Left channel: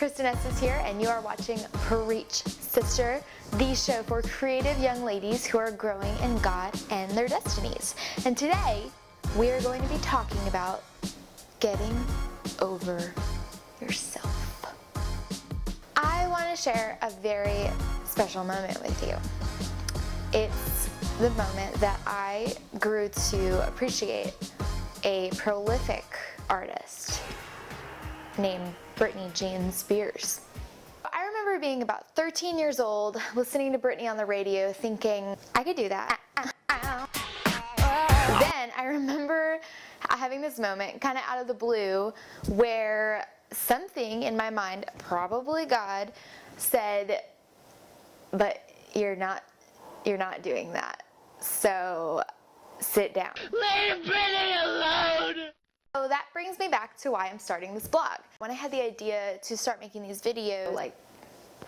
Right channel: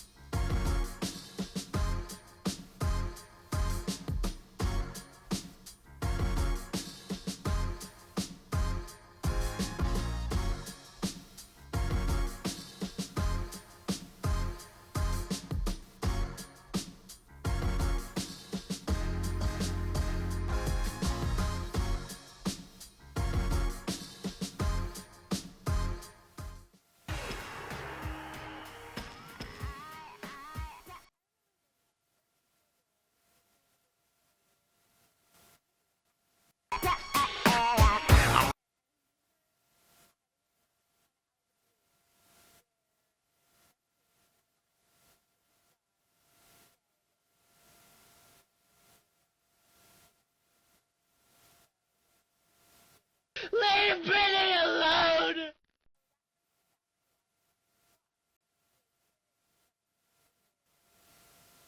Kristen is here, and you are watching Preach Sister, the show for creative young ladies who are growing in God and their destinies. And today, we're going to be talking about getting over yourself. I want to share a very special moment with you. It's the moment that I grew to appreciate a prolific artist named Britney Jean Spears. I remember being about 13 years old, listening to Britney on the radio, thinking, I could do that. Then I remember having this moment, kind of out of the blue, where something in my mind, probably God, said, but you're not doing that. So sit down. Leave Britney alone! So that brings me back to why I'm starting this blog. When I had the idea to start making these videos like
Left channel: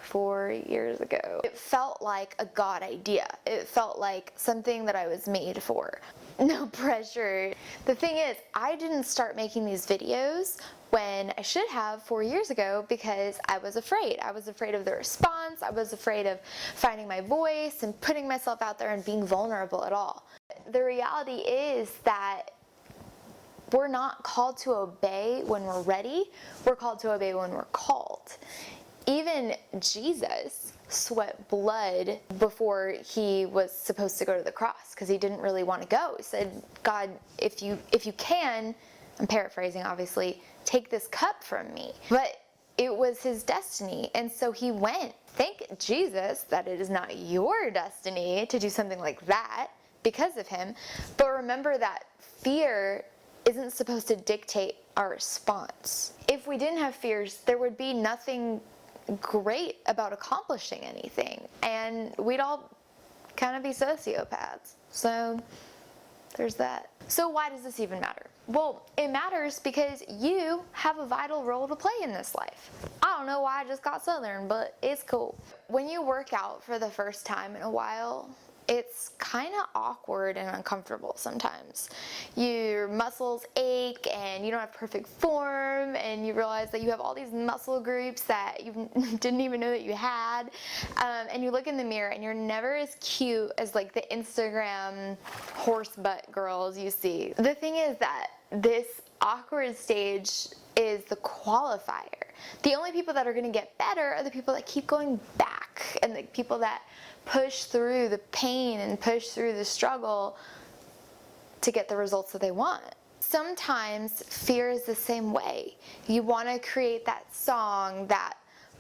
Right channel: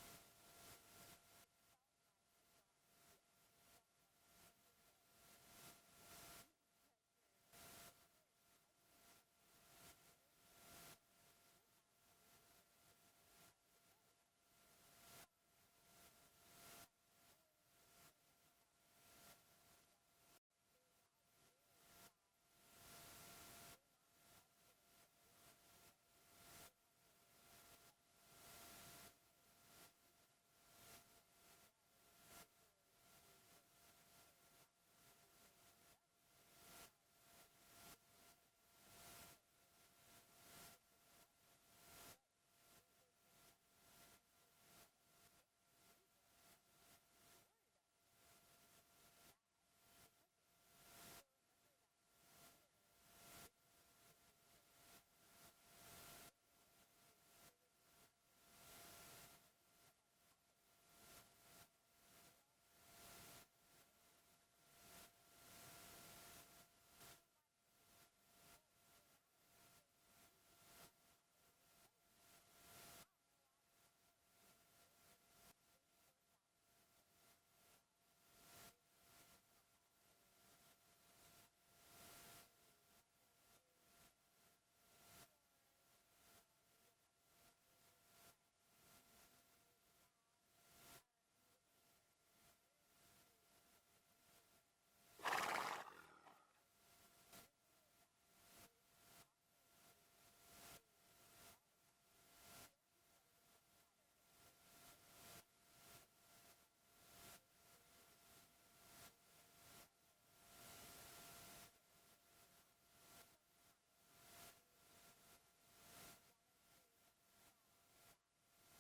4 years ago, it felt like a God idea. It felt like something that I was made for. No pressure. The thing is, I didn't start making these videos when I should have 4 years ago because I was afraid. I was afraid of the response. I was afraid of finding my voice and putting myself out there and being vulnerable at all. The reality is that we're not called to obey when we're ready. We're called to obey when we're called. Even Jesus sweat blood before he was supposed to go to the cross because he didn't really want to go. He said, God, if you can, I'm paraphrasing obviously, take this cup from me. But it was his destiny, and so he went. Thank Jesus that it is not your destiny to do something like that because of him. But remember that fear isn't supposed to dictate our response. If we didn't have fears, there would be nothing great about accomplishing anything, and we'd all kind of be sociopaths. So there's that. So why does this even matter? Well, it matters because you have a vital role to play in this life. I don't know why I just got Southern, but it's cool. When you work out for the first time in a while, it's kind of awkward and uncomfortable sometimes. Your muscles ache and you don't have perfect form, and you realize that you have all these muscle groups that you didn't even know that you had, and you look in the mirror and you're never as cute as like the Instagram horse butt girls you see. The thing is that this awkward stage is the qualifier. The only people that are going to get better are the people that keep going back, and the people that push through the pain and push through the struggle to get the results that they want. Sometimes fear is the same way. You want to create that song, that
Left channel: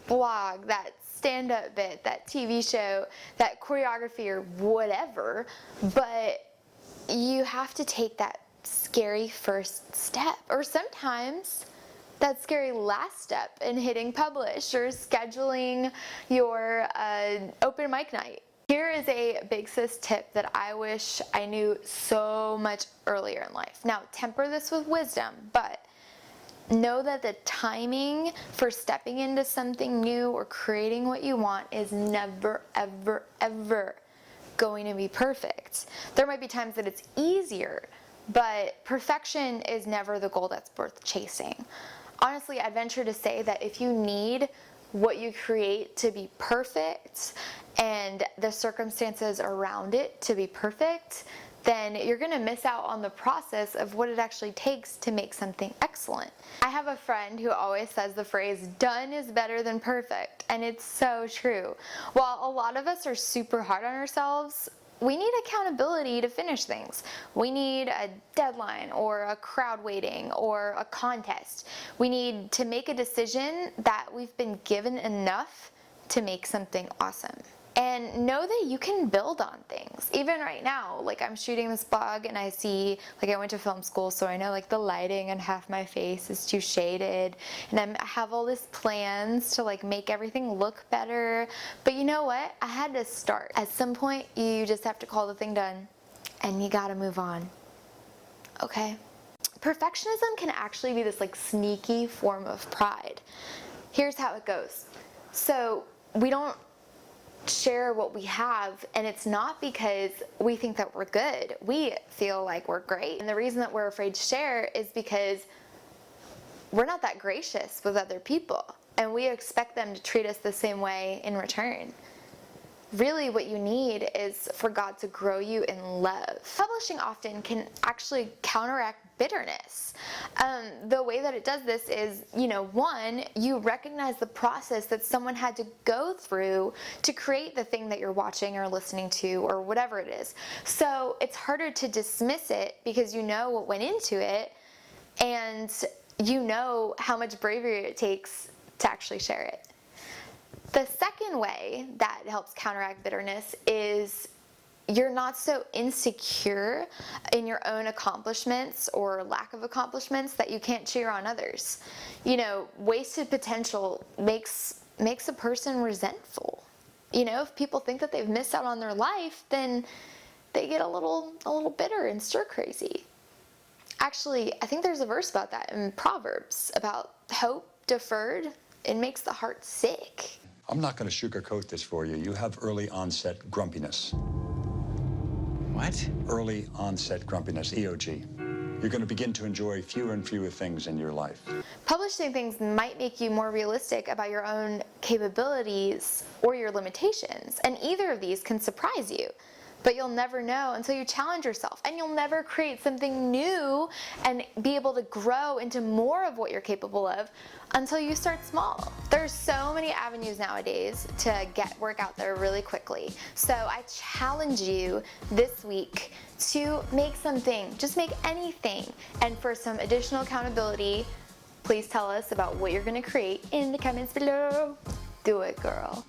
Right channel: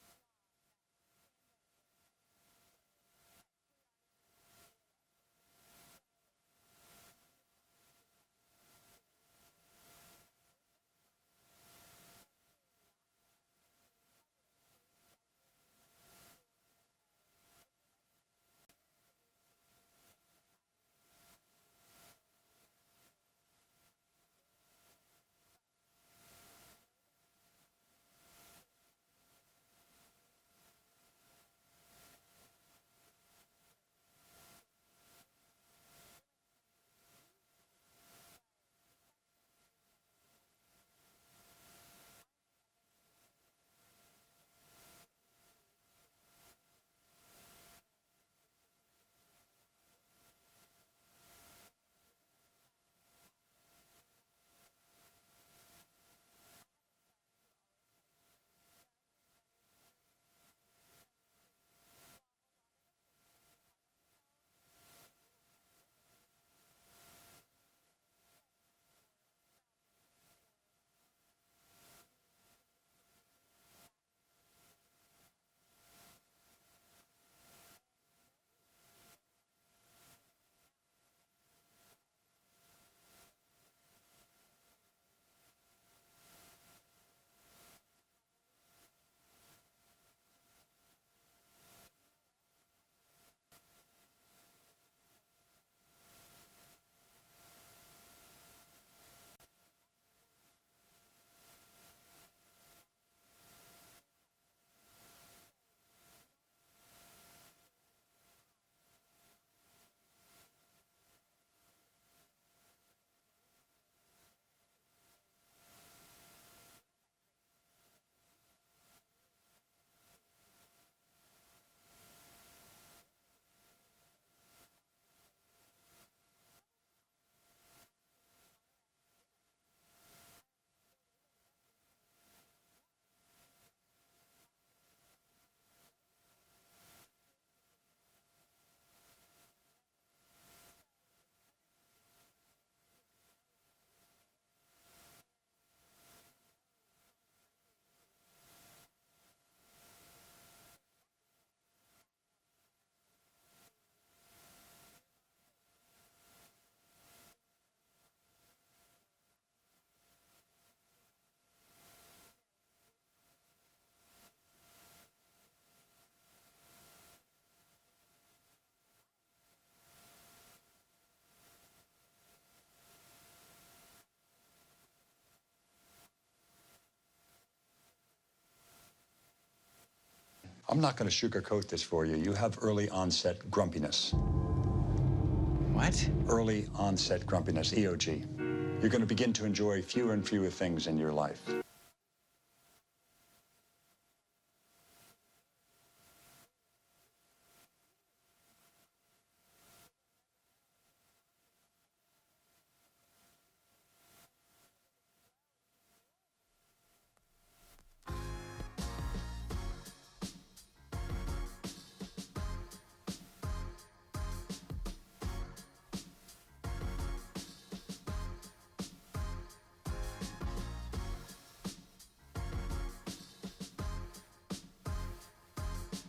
blog, that stand-up bit, that TV show, that choreography or whatever, but you have to take that scary first step. Or sometimes that scary last step in hitting publish or scheduling your open mic night. Here is a big sis tip that I wish I knew so much earlier in life. Now, temper this with wisdom, but know that the timing for stepping into something new or creating what you want is never, ever, ever going to be perfect. There might be times that it's easier, but perfection is never the goal that's worth chasing. Honestly, I'd venture to say that if you need what you create to be perfect and the circumstances around it to be perfect, then you're going to miss out on the process of what it actually takes to make something excellent. I have a friend who always says the phrase, done is better than perfect, and it's so true. While a lot of us are super hard on ourselves, we need accountability to finish things. We need a deadline or a crowd waiting or a contest. We need to make a decision that we've been given enough to make something awesome. And know that you can build on things. Even right now, like I'm shooting this blog and I see, like I went to film school, so I know like the lighting on half my face is too shaded, and I have all these plans to like make everything look better. But you know what? I had to start. At some point, you just have to call the thing done and you gotta move on. Okay? Perfectionism can actually be this like sneaky form of pride. Here's how it goes. So we don't share what we have, and it's not because we think that we're good. We feel like we're great, and the reason that we're afraid to share is because we're not that gracious with other people. and we expect them to treat us the same way in return. Really, what you need is for God to grow you in love. Publishing often can actually counteract bitterness. The way that it does this is, one, you recognize the process that someone had to go through to create the thing that you're watching or listening to or whatever it is. So it's harder to dismiss it because you know what went into it, and you know how much bravery it takes to actually share it. The second way that helps counteract bitterness is you're not so insecure in your own accomplishments or lack of accomplishments that you can't cheer on others. Wasted potential makes a person resentful. If people think that they've missed out on their life, then they get a little bitter and stir crazy. Actually, I think there's a verse about that in Proverbs about hope deferred. It makes the heart sick. I'm not going to sugarcoat this for you. You have early onset grumpiness. What? Early onset grumpiness, EOG. You're going to begin to enjoy fewer and fewer things in your life. Publishing things might make you more realistic about your own capabilities or your limitations, and either of these can surprise you. But you'll never know until you challenge yourself, and you'll never create something new and be able to grow into more of what you're capable of until you start small. There's so many avenues nowadays to get work out there really quickly. So I challenge you this week to make something, just make anything. And for some additional accountability, please tell us about what you're gonna create in the comments below. Do it, girl.